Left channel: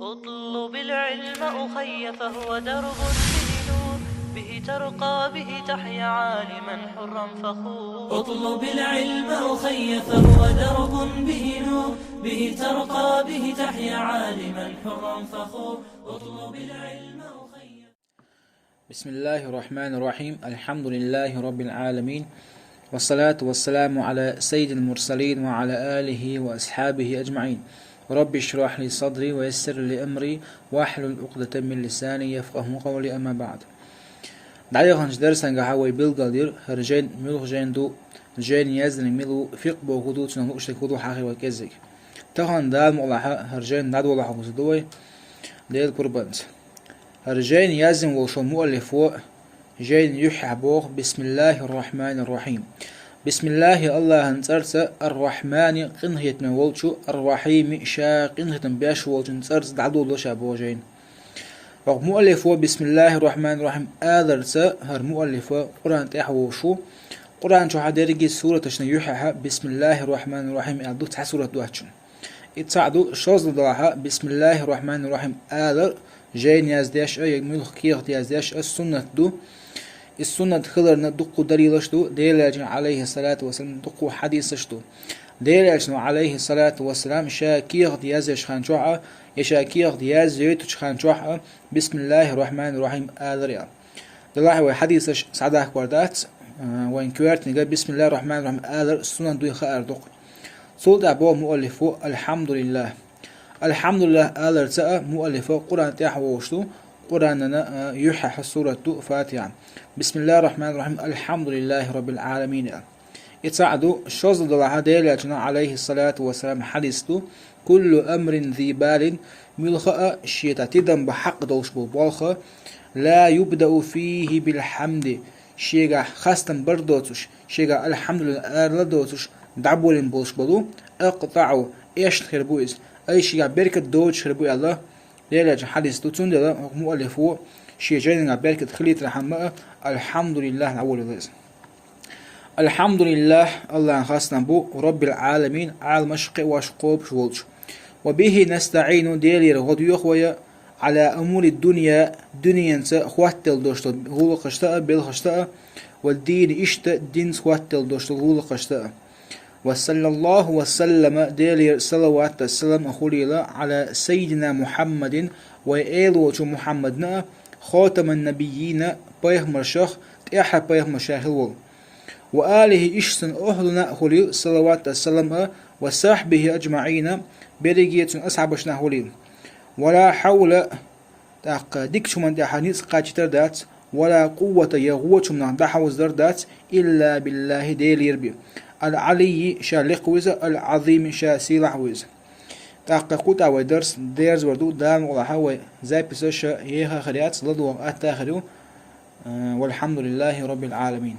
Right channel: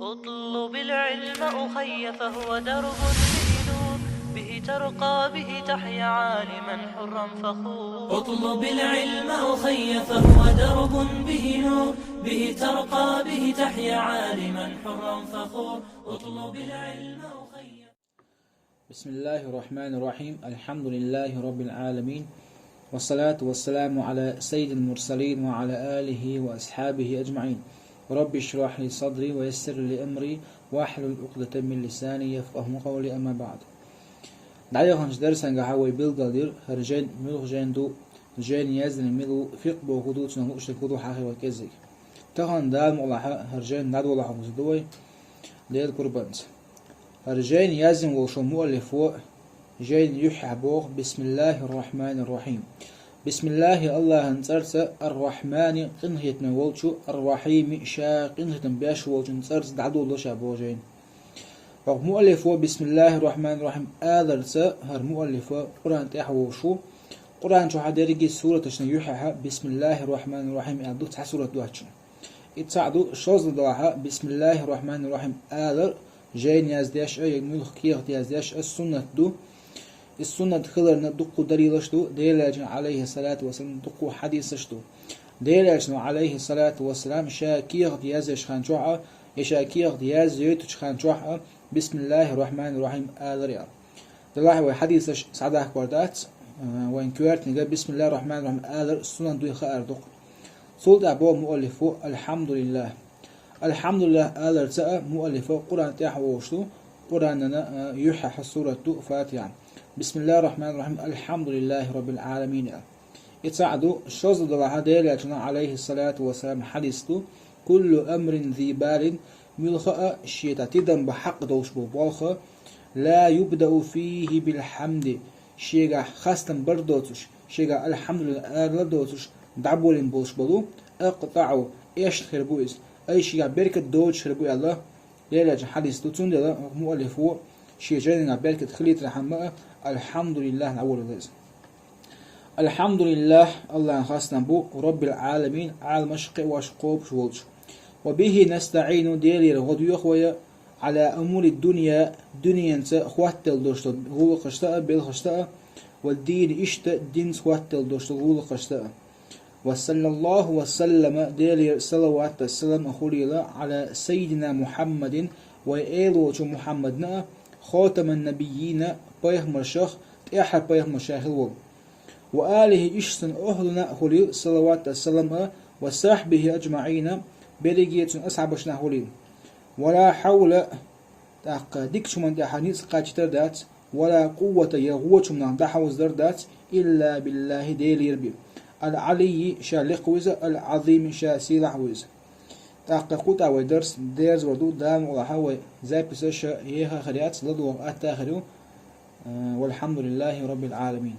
اطلب العلم أخي فهو درب به نور، به ترقى به تحيا عالما حرا فخور. اطلب العلم أخي فهو درب به نور، به ترقى به تحيا عالما حرا فخور. اطلب العلم أخي. بسم الله الرحمن الرحيم. الحمد لله رب العالمين، والصلاة والسلام على سيد المرسلين وعلى آله وأصحابه أجمعين. رب اشرح لي صدري ويسر لي أمري واحلل عقدة من لساني يفقه قولي. أما بعد، دعيغنش درسان قهوي بالقدير هرجين ملو جين جين يزن ملو فيق بوغدو تنهو اشتكودو حاخي وكزك تهان دال مغلحة هرجين نادو لحو مزدوي ديل قربانت هرجين يزن وشو مؤلف جين يحبوغ. بسم الله الرحمن الرحيم. بسم الله الله انصرت الرحمن قنهيت نولشو الرحيم شا قنهيت بياش ولشو انصرت دعدو لشا بوجين. مؤلف بسم الله الرحمن الرحيم آذرت هر مؤلف قرآن تحوشو قرآن شو حدرجي سورة يحها بسم الله الرحمن الرحيم أدوت سورة دواتشن يتصعدو شوز ضاها بسم الله الرحمن الرحيم آذر جين يازداش يجمل خير يازداش السنة دو السنة خلرنا دقو دليلشتو ديلاج عليه الصلاة والسلام دقو حديثشتو ديلاج عليه الصلاة والسلام شاكير ديازش خانجوعة يشاكير دياز يوتش خانجوعة بسم الله الرحمن الرحيم آذريا دلاحي وحديثش سعداك وردات وإن كوارت نقول بسم الله الرحمن الرحيم آذر السنة دوي خير دق صولت أبو مؤلفو الحمد لله. الحمد لله آذر تأ مؤلفو قرآن تحوشتو قرآننا يحح سورة فاتحة بسم الله الرحمن الرحيم الحمد لله رب العالمين. يتساعدوا شوز دلها ديلاتنا عليه الصلاة والسلام حديثتو كل أمر ذي بال ملخاء شيتا تدم بحق دوش بالخا لا يبدأ فيه بالحمد شيغا خاستن بردوتش شيغا الحمد لله أرلدوتش دعبولين بولش بدو اقطعوا ايش خربويز اي شيغا بركة دوش خربوي الله ديلات حديثتو تندل مؤلفو شيجين بركة خليت رحمه الحمد لله الأول الرزق. الحمد لله الله خاصنا بو رب العالمين عالم مشق واشقوب شولش وبه نستعين ديلير غدو خويا على أمور الدنيا دنيا خواتل دوشت غول قشتا بالخشتا والدين اشت دين خواتل دوشت غول قشتا وصلى الله وسلم ديلير صلوات السلام أخوليلا على سيدنا محمد وإيلوش محمدنا خاتم النبيين بيغمر شخ تأحى بيغمر شاهل وآله إشسن أهلنا خليل صلوات السلام وصحبه أجمعين بريجية أصحابشنا خليل ولا حول ديكش من دحانيس قاجتر دات ولا قوة يغوش من دحوز دردات إلا بالله ديل يربي العلي شالقوز العظيم شاسيلحوز تحققت أو درس ديرز وردو دام وحوي زي بسش يها خريات لدو أتاخرو والحمد لله رب العالمين.